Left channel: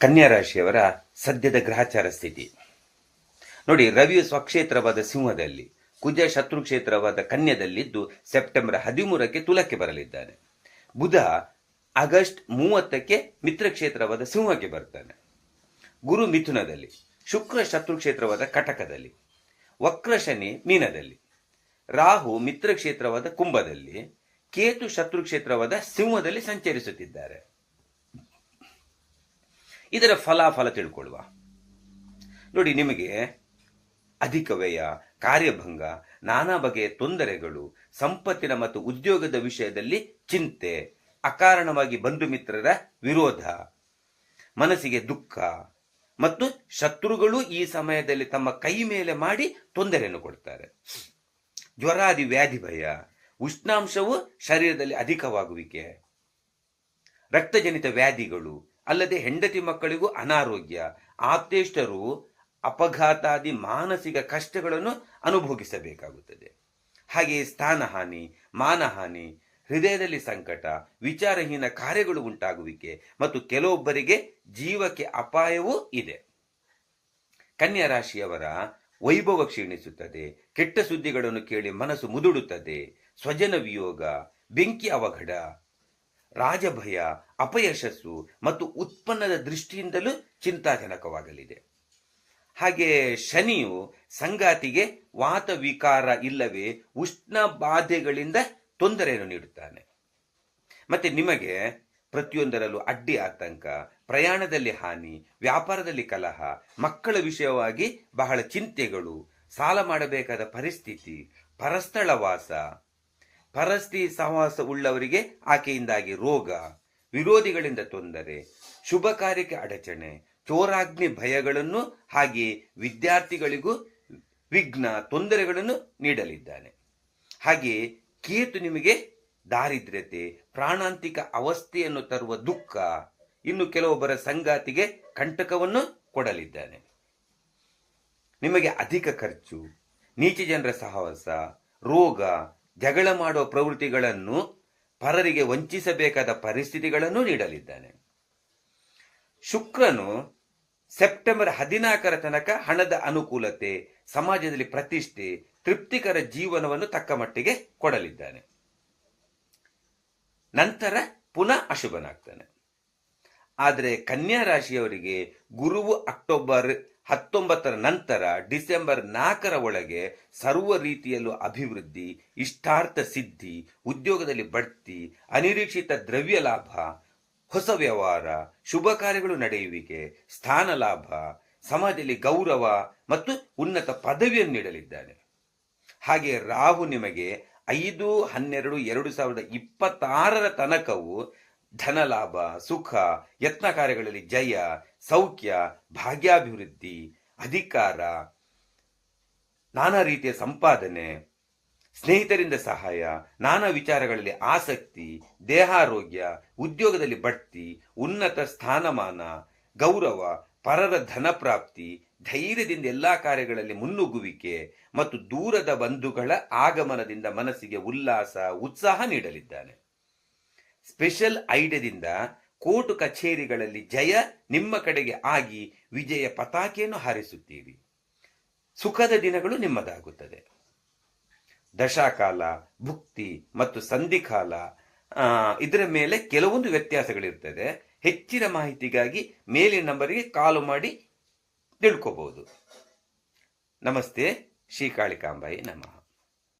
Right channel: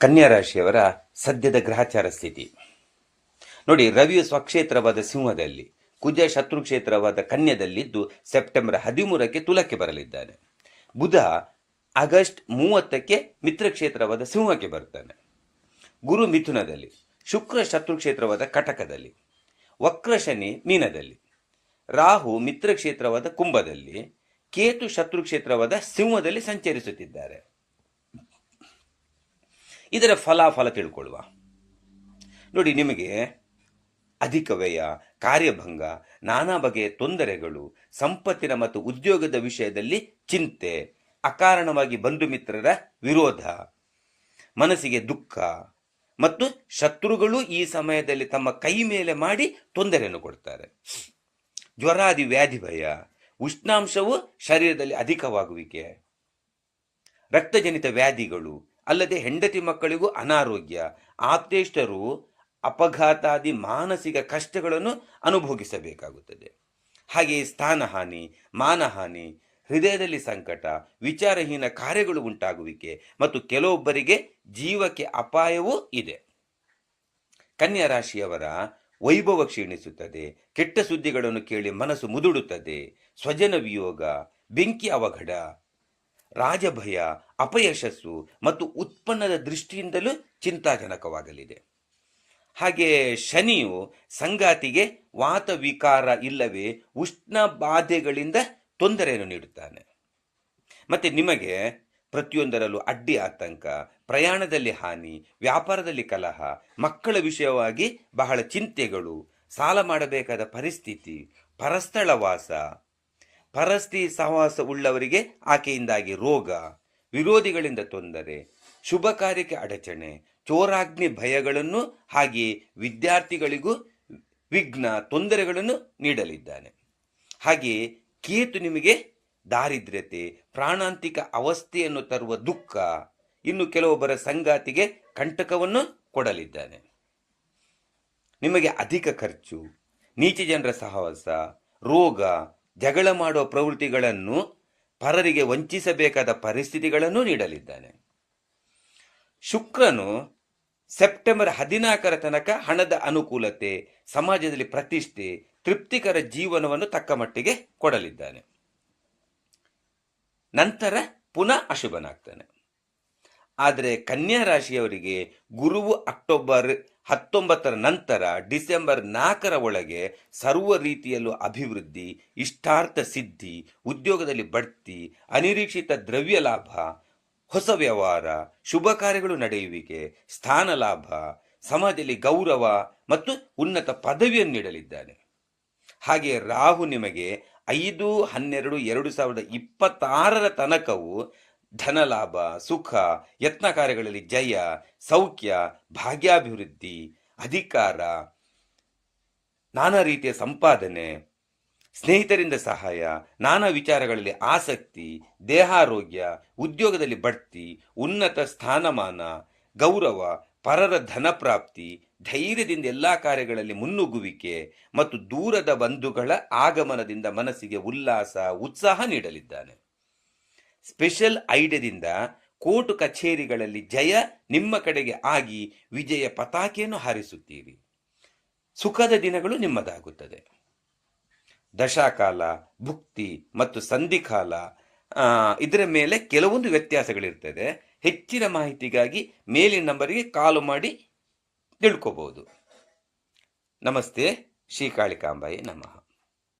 ಕನ್ಯಾ ರಾಶಿಯವರ ಸದ್ಯದ ಗ್ರಹಚಾರ ಸ್ಥಿತಿ. ನೋಡಿ, ರವಿಯು ಸ್ವಕ್ಷೇತ್ರವಾದ ಸಿಂಹದಲ್ಲಿ, ಕುಜ ಶತ್ರು ಕ್ಷೇತ್ರವಾದ ಕನ್ಯದಲ್ಲಿದ್ದು ಸೆಪ್ಟೆಂಬರ್ ಹದಿಮೂರಕ್ಕೆ ತುಲಕ್ಕೆ ಬರಲಿದ್ದಾನೆ. ಬುಧ ಆಗಸ್ಟ್ ಮೂವತ್ತಕ್ಕೆ ಮಿತ್ರ ಕ್ಷೇತ್ರವಾದ ಸಿಂಹಕ್ಕೆ ಬರ್ತಾನೆ ಗುರು ಮಿಥುನದಲ್ಲಿ, ಶುಕ್ರ ಶತ್ರು ಕ್ಷೇತ್ರವಾದ ಕಟಕದಲ್ಲಿ, ವಕ್ರ ಶನಿ ಮೀನದಲ್ಲಿ, ರಾಹು ಮಿತ್ರ ಕ್ಷೇತ್ರವಾದ ಕುಂಭದಲ್ಲಿ, ಕೇತು ಶತ್ರು ಕ್ಷೇತ್ರವಾದ ಸಿಂಹದಲ್ಲಿ ಸಂಚರಿಸುತ್ತಿದ್ದಾರೆ. ಇದರ ಫಲಾಫಲ ತಿಳ್ಕೊಳ್ಳುವ. ನೋಡಿ, ನಿಮಗೆ ಅಧಿಕ ವ್ಯಯ, ಕಾರ್ಯಭಂಗ, ನಾನಾ ಬಗೆಯ ತೊಂದರೆಗಳು, ಸಂಪತ್ತಿನ ಮತ್ತು ಉದ್ಯೋಗದ ವಿಷಯದಲ್ಲಿ ಚಿಂತೆ, ಅಕಾರಣವಾಗಿ ಬಂಧು ಮಿತ್ರರ ವಿರೋಧ, ಮನಸ್ಸಿಗೆ ದುಃಖ ಮತ್ತು ಶತ್ರುಗಳು ಈ ಸಮಯದಲ್ಲಿ ತಮ್ಮ ಕೈ ಮೇಲೆ ಮಾಡಿ ತೊಂದರೆಯನ್ನು ಕೊಡ್ತಾರೆ. ಜ್ವರಾದಿ ವ್ಯಾಧಿ ಭಯ, ಉಷ್ಣಾಂಶವು ಶರೀರದಲ್ಲಿ ಅಧಿಕವಾಗುವಿಕೆ, ರಕ್ತಜನಿತ ವ್ಯಾಧಿಗಳು ಅಲ್ಲದೆ ಹೆಂಡತಿ ಮಕ್ಕಳಿಗೂ ಅನಾರೋಗ್ಯ ಆಪ್ತೇಷ್ಟರು ಅಪಘಾತಾದಿ ಮಾನಸಿಕ ಕಷ್ಟಗಳನ್ನು ಅನುಭೋಗಿಸಬೇಕಾಗುತ್ತದೆ. ಹಾಗೆಯೇ ಸ್ಥಾನಹಾನಿ, ಮಾನಹಾನಿ, ಹೃದಯದಲ್ಲಿ ಸಂಕಟ, ವಿಚಾರಹೀನ ಕಾರ್ಯಗಳು ಉಂಟಾಗುವಿಕೆ ಮತ್ತು ಕೆಲವೊಬ್ಬರಿಗೆ ಜೀವಕ್ಕೆ ಅಪಾಯವೂ ಇದೆ. ಕನ್ಯಾ ರಾಶಿಯವರ ವೈಭವ ಕ್ಷೀಣಿಸುತ್ತದೆ, ಕೆಟ್ಟ ಸುದ್ದಿಗಳನ್ನು ಕೇಳಿ ಮನಸ್ಸು ಮುದುಡುತ್ತದೆ, ಸ್ವಜನ ವಿಯೋಗ, ಬೆಂಕಿ ಅವಘಡ ರಾಜಭಯ, ಅಪಯಶಸ್ಸು ಮತ್ತು ಉತ್ಪನ್ನದ ದೃಷ್ಟಿಯಿಂದಲೂ ಚಿಂತಾಜನಕವಾಗಲಿದೆ. ಹಾಗೆ ಶನಿಯು ಸಂಗಾತಿಗೆ ವಾತ ವಿಕಾರ ಇಲ್ಲವೇ ಉಷ್ಣ ಬಾಧೆಗಳಿಂದ ತೊಂದರೆಯನ್ನು ನೀಡುತ್ತಾನೆ. ಮತ್ತೆ ನಿಮಗೆ ಪ್ರತಿಯೊಂದರಲ್ಲೂ ಅಡ್ಡಿ ಆತಂಕ, ಪ್ರಯಾಣದಲ್ಲಿ ಹಾನಿ, ವ್ಯಾಪಾರದಲ್ಲಿ ಕಲಹ, ಮಕ್ಕಳ ವಿಷಯವಾಗಿ ಬಹಳ ಚಿಂತೆಗಳು, ಸಾಲ ಮಾಡಬೇಕಾದ ಪರಿಸ್ಥಿತಿ, ಪರಸ್ಥಳ ವಾಸ ಪರಸ್ತಿ ಸಹವಾಸ ಉಳ್ಳವರಿಗೆ ಆಕೆಯಿಂದಾಗಿ ರೋಗ, ವಿರೋಧಿಗಳಿಂದ ತೊಂದರೆ, ಶುಭ ಕಾರ್ಯಕ್ಕೆ ಅಡಚಣೆ, ಚೋರಾಗ್ನಿ ಭಯಗಳನ್ನು ಹಾಗೆಯೇ ವಿದ್ಯಾರ್ಥಿಗಳಿಗೂ ವಿಘ್ನ ತೊಂದರೆಗಳನ್ನು ನೀಡಲಿದ್ದಾನೆ. ಹಾಗೆಯೇ ಕೇತು ನಿಮಗೆ ದಾರಿದ್ರ್ಯತೆ, ಪ್ರಾಣಾಂತಿಕ ಅವಸ್ಥೆಯನ್ನು ತರುವ ದುಃಖ, ಇನ್ನು ಕೆಲವೊಬ್ಬರ ಸಂಗಾತಿಗೆ ಕಂಟಕವನ್ನು ಕೊಡಲಿದ್ದಾನೆ. ನಿಮಗೆ ಅಧಿಕ ಖರ್ಚು, ನೀಚ ಜನರ ಸಹವಾಸ, ರೋಗ ಜಗಳ ಮಾಡುವ ಪ್ರವೃತ್ತಿಗಳನ್ನು ಪರರಿಗೆ ವಂಚಿಸಬೇಕಾದ ಪರಿಸ್ಥಿತಿಗಳನ್ನು ನೀಡಲಿದ್ದಾನೆ. ಶುಕ್ರನು ಸೆಪ್ಟೆಂಬರ್ ಹದಿನಾಲ್ಕರ ತನಕ ಹಣದ ಅನುಕೂಲತೆ, ಸಮಾಜದಲ್ಲಿ ಪ್ರತಿಷ್ಠೆ, ತೃಪ್ತಿಕರ ಜೀವನವನ್ನು ತಕ್ಕ ಮಟ್ಟಿಗೆ ಕೊಡಲಿದ್ದಾನೆ. ನಂತರ ಪುನಃ ಅಶುಭನಾಗ್ತಾನೆ. ಆದರೆ ಕನ್ಯಾ ರಾಶಿಯವರಿಗೆ ಗುರುವು ಅಕ್ಟೋಬರ್ ಹತ್ತೊಂಬತ್ತರ ನಂತರ ಡಿಸೆಂಬರ್ ನಾಲ್ಕರ ಒಳಗೆ ಸರ್ವ ರೀತಿಯಲ್ಲೂ ಅಭಿವೃದ್ಧಿ, ಇಷ್ಟಾರ್ಥ ಸಿದ್ಧಿ, ಉದ್ಯೋಗದಲ್ಲಿ ಬಡ್ತಿ, ಅನಿರೀಕ್ಷಿತ ದ್ರವ್ಯ ಲಾಭ, ಹೊಸ ವ್ಯವಹಾರ, ಶುಭ ಕಾರ್ಯಗಳು ನಡೆಯುವಿಕೆ, ಸ್ಥಾನ ಲಾಭ, ಸಮಾಜದಲ್ಲಿ ಗೌರವ ಮತ್ತು ಉನ್ನತ ಪದವಿಯನ್ನು ನೀಡಲಿದ್ದಾನೆ. ಹಾಗೆ ರಾಹು ನಿಮಗೆ ಐದು, ಹನ್ನೆರಡು, ಎರಡು ಸಾವಿರದ ಇಪ್ಪತ್ತಾರರ ತನಕವು ಧನಲಾಭ, ಸುಖ, ಯತ್ನ ಕಾರ್ಯಗಳಲ್ಲಿ ಜಯ, ಸೌಖ್ಯ, ಭಾಗ್ಯಾಭಿವೃದ್ಧಿ, ಅಧಿಕಾರ, ನಾನಾ ರೀತಿಯ ಸಂಪಾದನೆ, ಸ್ನೇಹಿತರಿಂದ ಸಹಾಯ, ನಾನಾ ವಿಚಾರಗಳಲ್ಲಿ ಆಸಕ್ತಿ, ದೇಹಾರೋಗ್ಯ, ಉದ್ಯೋಗದಲ್ಲಿ ಬಡ್ತಿ, ಉನ್ನತ ಸ್ಥಾನಮಾನ, ಗೌರವ, ಪರರ ಧನಪ್ರಾಪ್ತಿ, ಧೈರ್ಯದಿಂದ ಎಲ್ಲ ಕಾರ್ಯಗಳಲ್ಲಿ ಮುನ್ನುಗ್ಗುವಿಕೆ ಮತ್ತು ದೂರದ ಬಂಧುಗಳ ಆಗಮನದಿಂದ ಮನಸ್ಸಿಗೆ ಉಲ್ಲಾಸ, ಉತ್ಸಾಹ ನೀಡಲಿದ್ದಾನೆ. ಸ್ಪೆಷಲ್ ಐಡಿಯಾದಿಂದ ಕೋರ್ಟ್ ಕಚೇರಿಗಳಲ್ಲಿ ಜಯ ನಿಮ್ಮ ಕಡೆಗೆ ಆಗಿ ವಿಜಯ ಪತಾಕೆಯನ್ನು ಹಾರಿಸುತ್ತೀರಿ. ಸುಖದ ದಿನಗಳು ನಿಮ್ಮದಾಗುತ್ತದೆ. ದಶಾಕಾಲ, ಭುಕ್ತಿ ಮತ್ತು ಸಂಧಿಕಾಲ ಇದರ ಮೇಲೆ ಕೆಲವೊಂದು ವ್ಯತ್ಯಾಸಗಳಿರ್ತದೆ. ಹೆಚ್ಚಿನ ಮಾಹಿತಿಗಾಗಿ ಮೇಲಿನ ನಂಬರಿಗೆ ಕಾಲು ಮಾಡಿ ತಿಳ್ಕೋಬಹುದು ನಮಸ್ತೆ, ಶ್ರೀಕಾಳಿಕಾಂಬಾಯಿ ನಮಃ.